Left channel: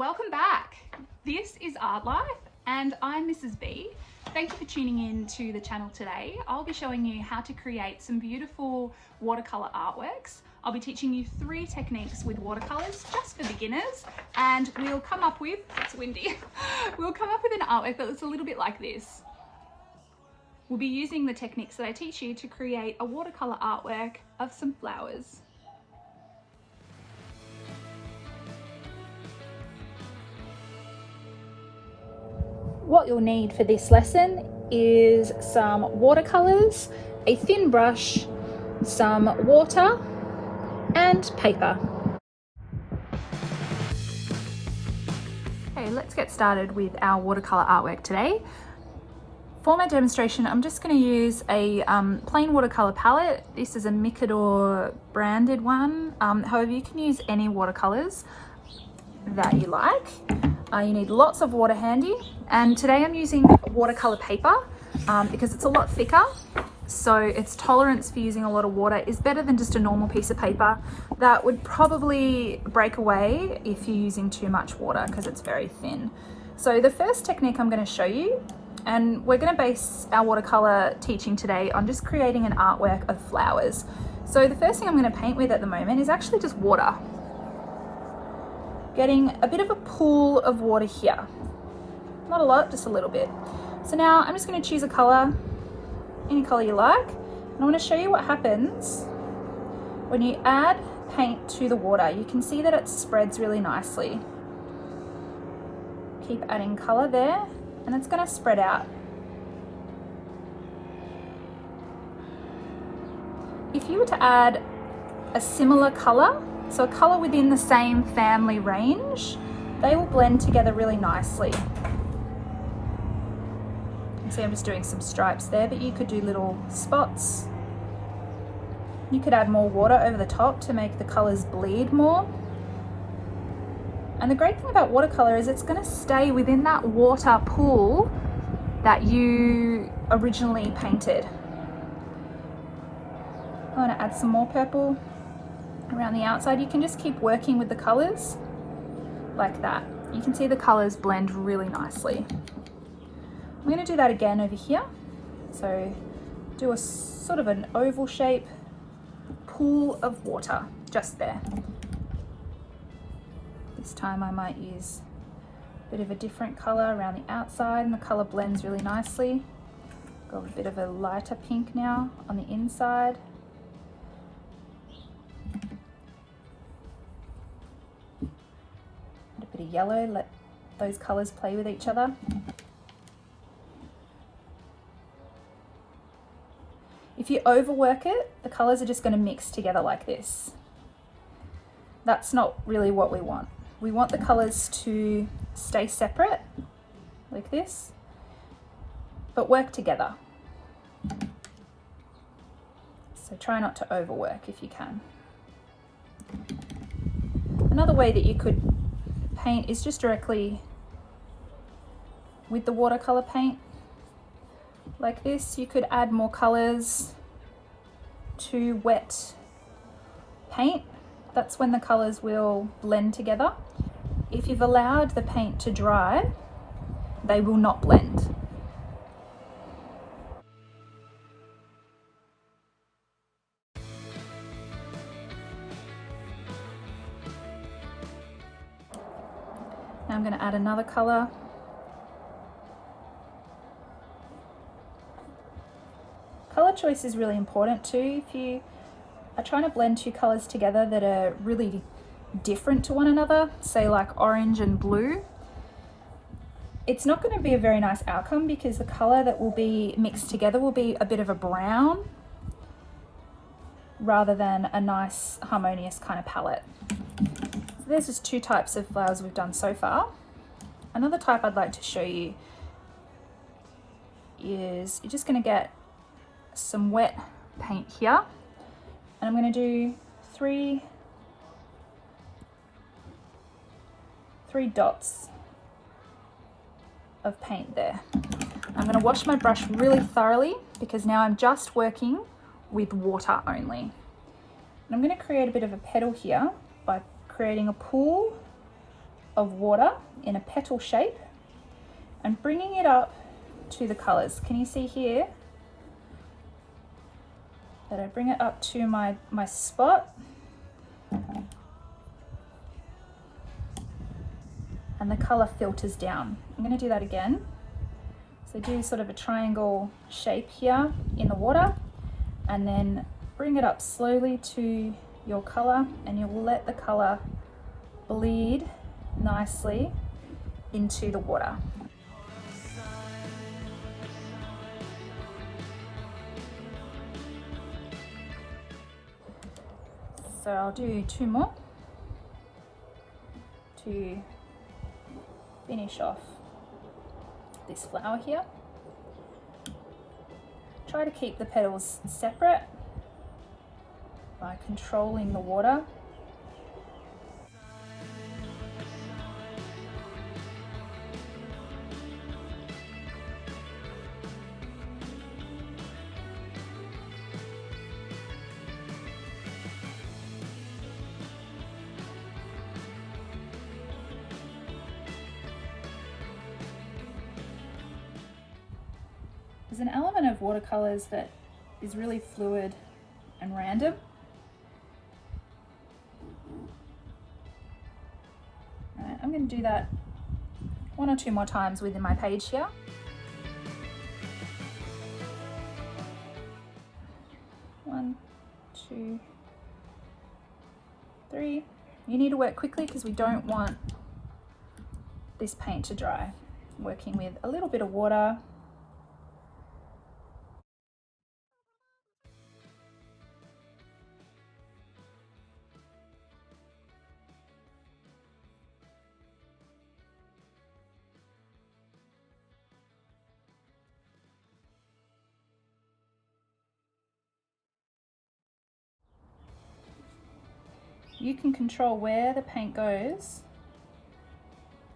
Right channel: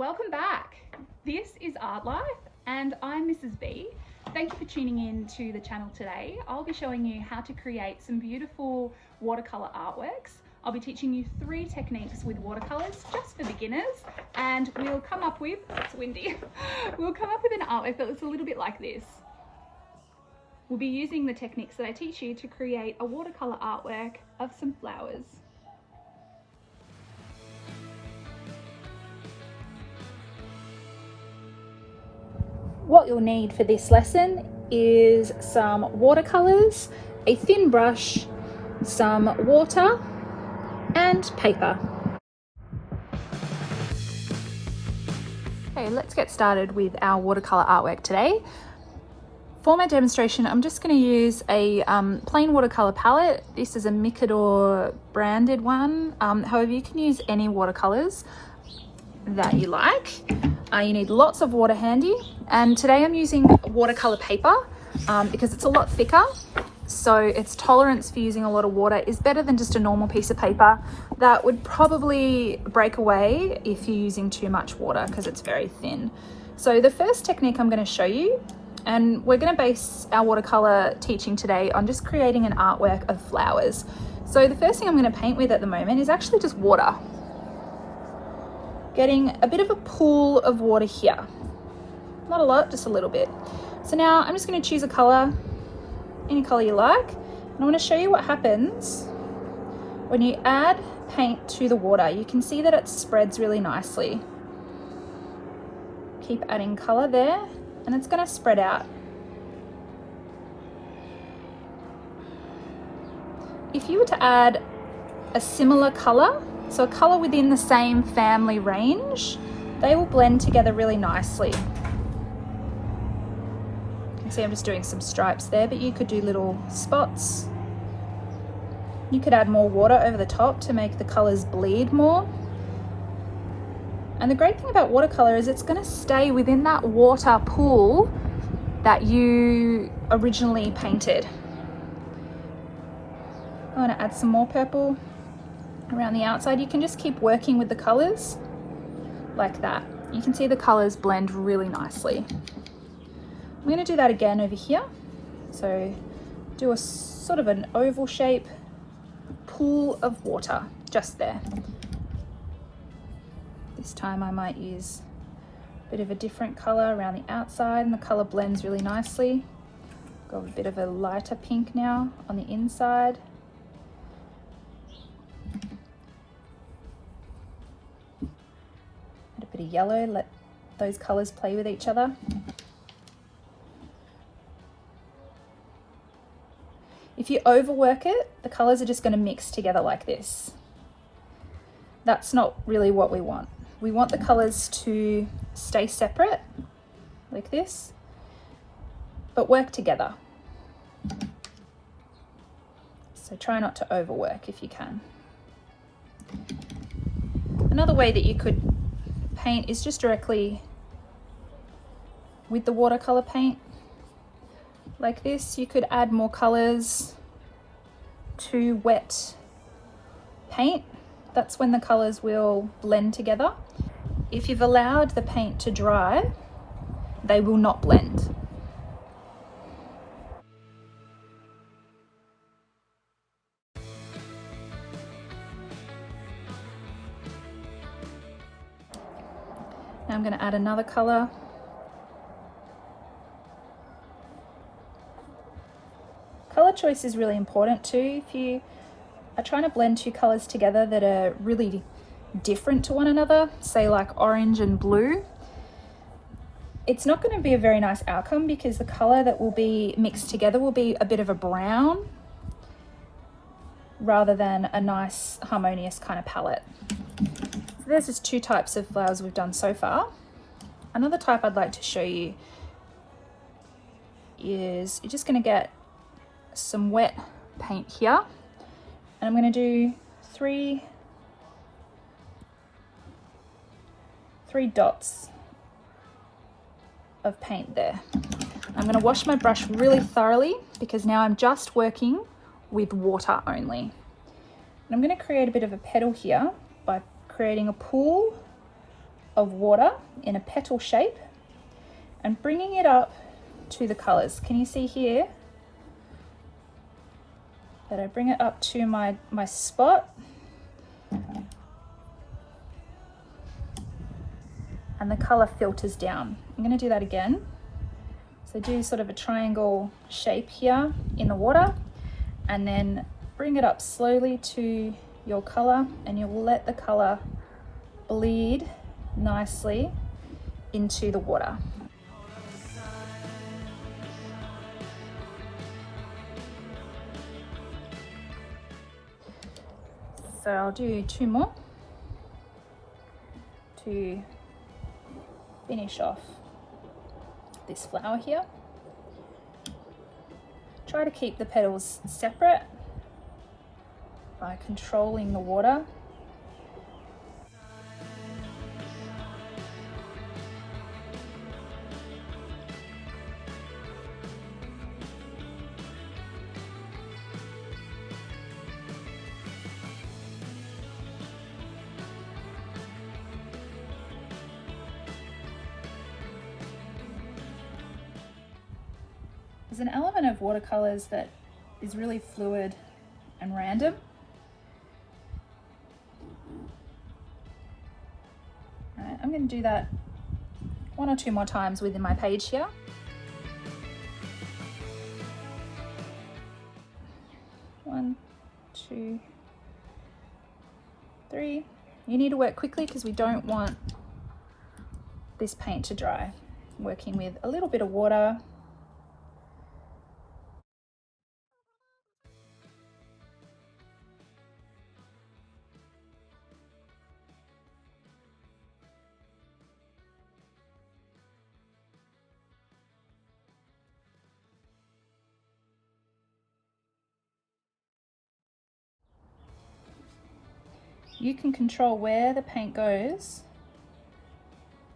Welcome back. This is Artlife and I'm Mrs. B. Thank you for tuning in to the channel today. I'll be showing you how to create some beautiful watercolor artworks. I'll be teaching you 3 techniques with watercolors just for beginners, and we'll come up with, it's windy, we'll come up with an artwork that looks a little bit like this. We'll be using the techniques that I teach you to create a watercolor artwork of some flowers. What you'll need for this lesson is some watercolors, a thin brush, some water, and paper. Okay, let's get started with our watercolor artwork today. For my demonstration, I'm just going to use a plain watercolor palette. This is a Mikador branded one. However, you can use any watercolors that you like. You need lots of water handy, and today I'm using watercolor paper because it's a lot thicker, so its tolerance for using a lot of water is better than just a normal piece of paper that would probably break away if you're using too much water because it's very thin. So the first technique I'm going to show you, and we're going to base our watercolor teaching today on just creating an artwork of flowers. So the first thing I'm going to paint with at the moment is actually just water. Getting a bit of a pool of water here. Not a lot, just a little bit. So now I'm just going to choose a color, any color you like. And I want to show you what happens when you add paint to the water. You can see that it spreads really nicely. Keep adding color there, and it's going to spread out. If you were to add a similar color, so a color within the same family range, they will blend together really nicely. You can see I'm just doing some stripes there, but you could do little spots. You could add more water over the top to make the colors bleed more. And the great thing about watercolor is it's going to stay within that water pool that you originally painted. I'm going to add some more purple around the outside. You can just keep working with the colors like that. You can see the colors blend really nicely. I'm going to do that again over here. So do a sort of an oval shape pool of water just there. This time I might use a bit of a different color around the outside, and the color blends really nicely. Got a bit of a lighter pink now on the inside. A bit of yellow, let those colors play with each other. If you overwork it, the colors are just going to mix together like this. That's not really what we want. We want the colors to stay separate like this, but work together. So try not to overwork if you can. Another way that you could paint is just directly with the watercolor paint like this. You could add more colors to wet paint. That's when the colors will blend together. If you've allowed the paint to dry, they will not blend. Now I'm going to add another color. Color choice is really important too. If you are trying to blend 2 colors together that are really different to one another, say like orange and blue, it's not going to be a very nice outcome because the color that will be mixed together will be a bit of a brown rather than a nice harmonious kind of palette. There's just 2 types of flowers we've done so far. Another type I'd like to show you is you're just going to get some wet paint here, and I'm going to do three dots of paint there. I'm going to wash my brush really thoroughly because now I'm just working with water only. And I'm going to create a bit of a petal here by creating a pool of water in a petal shape and bringing it up to the colours. Can you see here that I bring it up to my spot? And the colour filters down. I'm going to do that again. So do sort of a triangle shape here in the water and then bring it up slowly to your colour, and you'll let the colour bleed nicely into the water. So I'll do 2 more to finish off this flower here. Try to keep the petals separate by controlling the water. There's an element of watercolors that is really fluid and random. I'm going to do that 1 or 2 more times within my page here. One, 2, 3. You need to work quickly because we don't want this paint to dry. Working with a little bit of water. You can control where the paint goes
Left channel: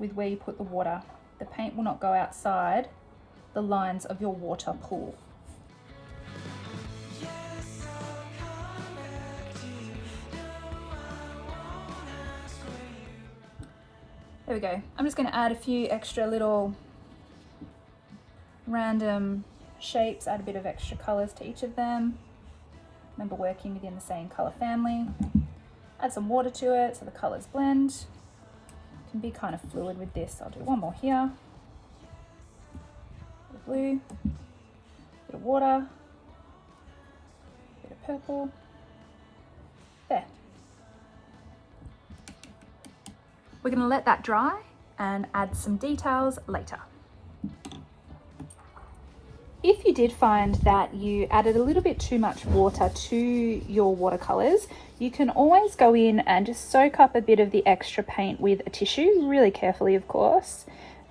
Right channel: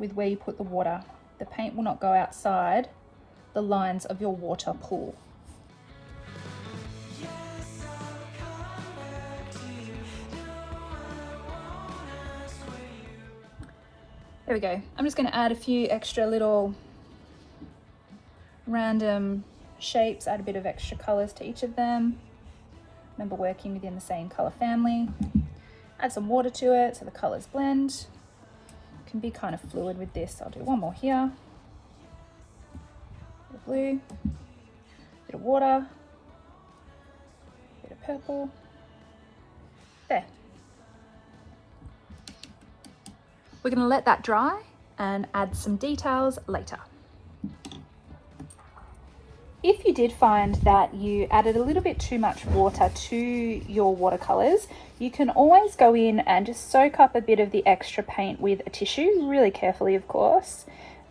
with where you put the water. The paint will not go outside the lines of your water pool. There we go. I'm just going to add a few extra little random shapes, add a bit of extra colours to each of them. Remember, working within the same colour family. Add some water to it so the colours blend. Can be kind of fluid with this. I'll do 1 more here. Bit of blue, bit of water, bit of purple. There. We're going to let that dry and add some details later. If you did find that you added a little bit too much water to your watercolors, you can always go in and just soak up a bit of the extra paint with a tissue, really carefully of course,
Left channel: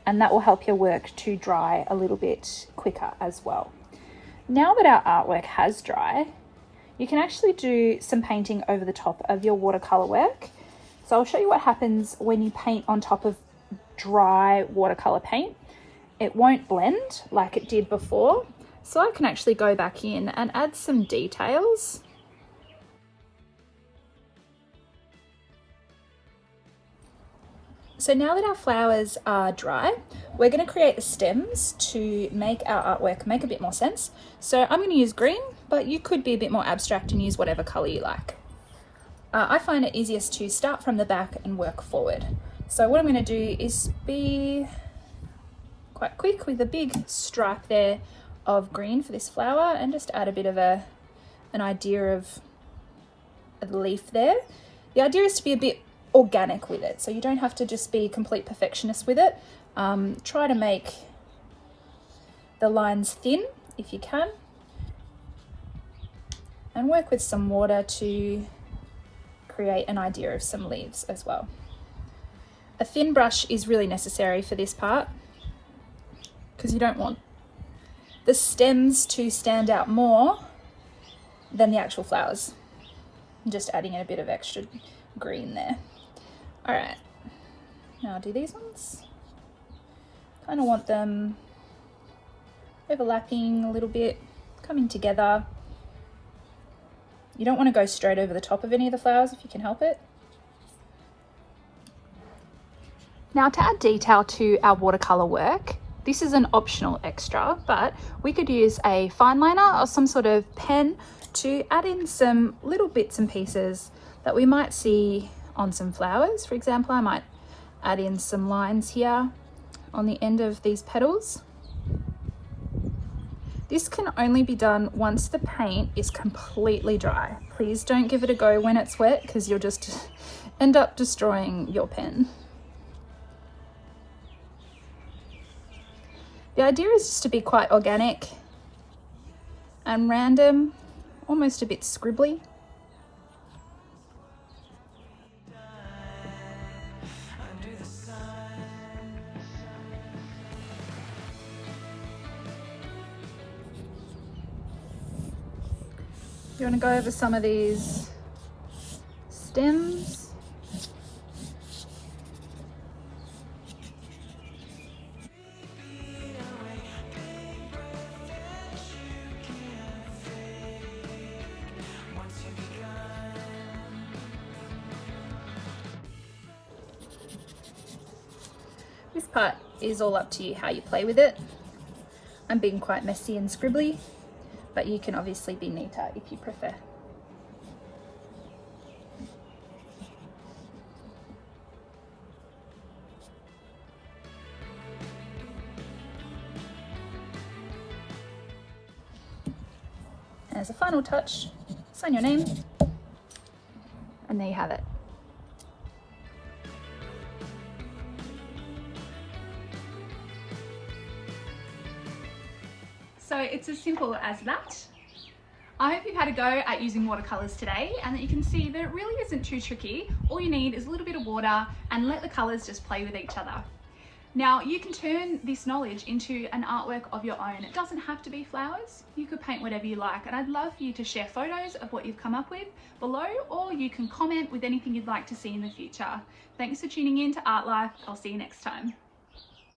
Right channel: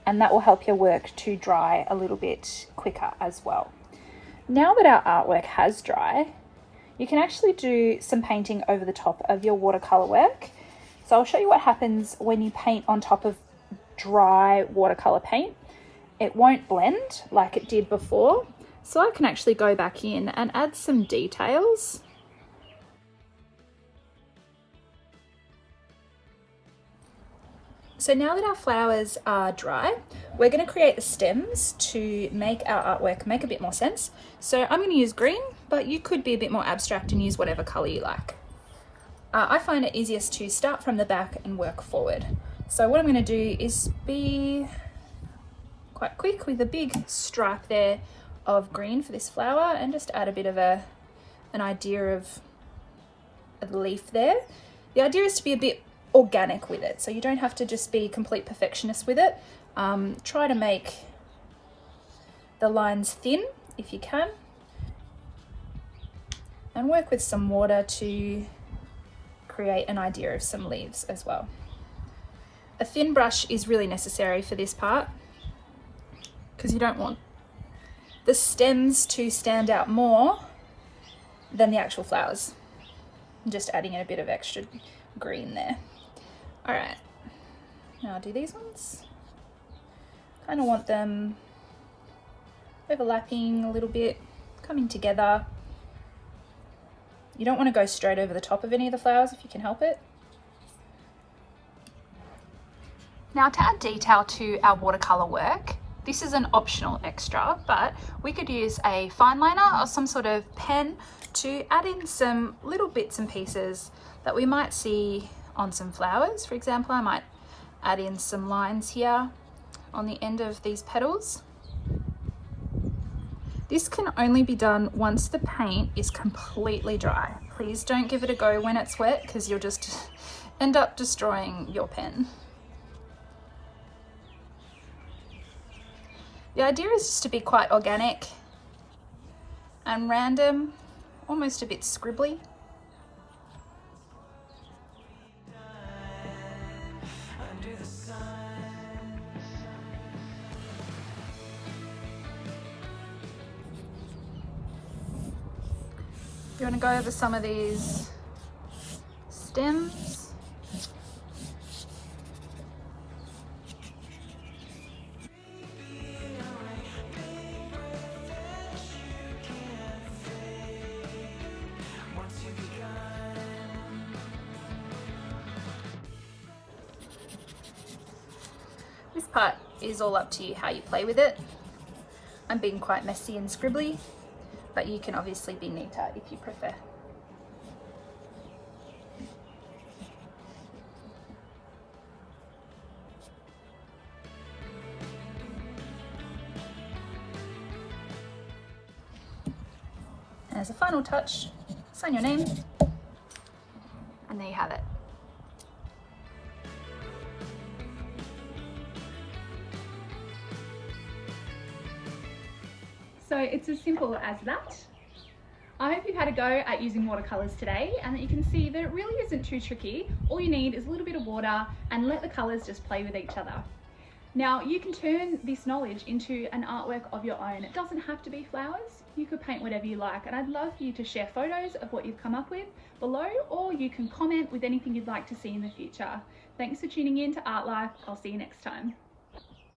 and that will help your work to dry a little bit quicker as well. Now that our artwork has dried, you can actually do some painting over the top of your watercolor work. So I'll show you what happens when you paint on top of dry watercolor paint. It won't blend like it did before. So I can actually go back in and add some details. So now that our flowers are dry, we're going to create the stems to make our artwork make a bit more sense. So I'm going to use green, but you could be a bit more abstract and use whatever color you like. I find it easiest to start from the back and work forward. So what I'm going to do is be quite quick with a big stripe there of green for this flower and just add a bit of an idea of a leaf there. The idea is to be a bit organic with it, so you don't have to just be complete perfectionist with it. Try to make the lines thin if you can, and work with some water to create an idea of some leaves as well. A thin brush is really necessary for this part because you don't want the stems to stand out more than the actual flowers. I'm just adding in a bit of extra green there. All right, now I'll do these ones. Kind of want them overlapping a little bit, coming together. You don't want to go straight over the top of any of the flowers if you can help it. Now to add detail to our watercolor work, this is an optional extra, but we could use a fine liner or some sort of pen to add in some little bits and pieces that we might see on some flowers. For example, I might add in some lines here on the end of these petals. This can only be done once the paint is completely dry. Please don't give it a go when it's wet, because you'll just end up destroying your pen. The idea is just to be quite organic and random, almost a bit scribbly. You want to go over some of these stems. This part is all up to you how you play with it. I'm being quite messy and scribbly, but you can obviously be neater if you prefer. As a final touch, sign your name, and there you have it. So it's as simple as that. I hope you've had a go at using watercolors today and that you can see that it really isn't too tricky. All you need is a little bit of water and let the colors just play with each other. Now you can turn this knowledge into an artwork of your own. It doesn't have to be flowers. You could paint whatever you like, and I'd love for you to share photos of what you've come up with below, or you can comment with anything you'd like to see in the future. Thanks for tuning in to Artlife. I'll see you next time.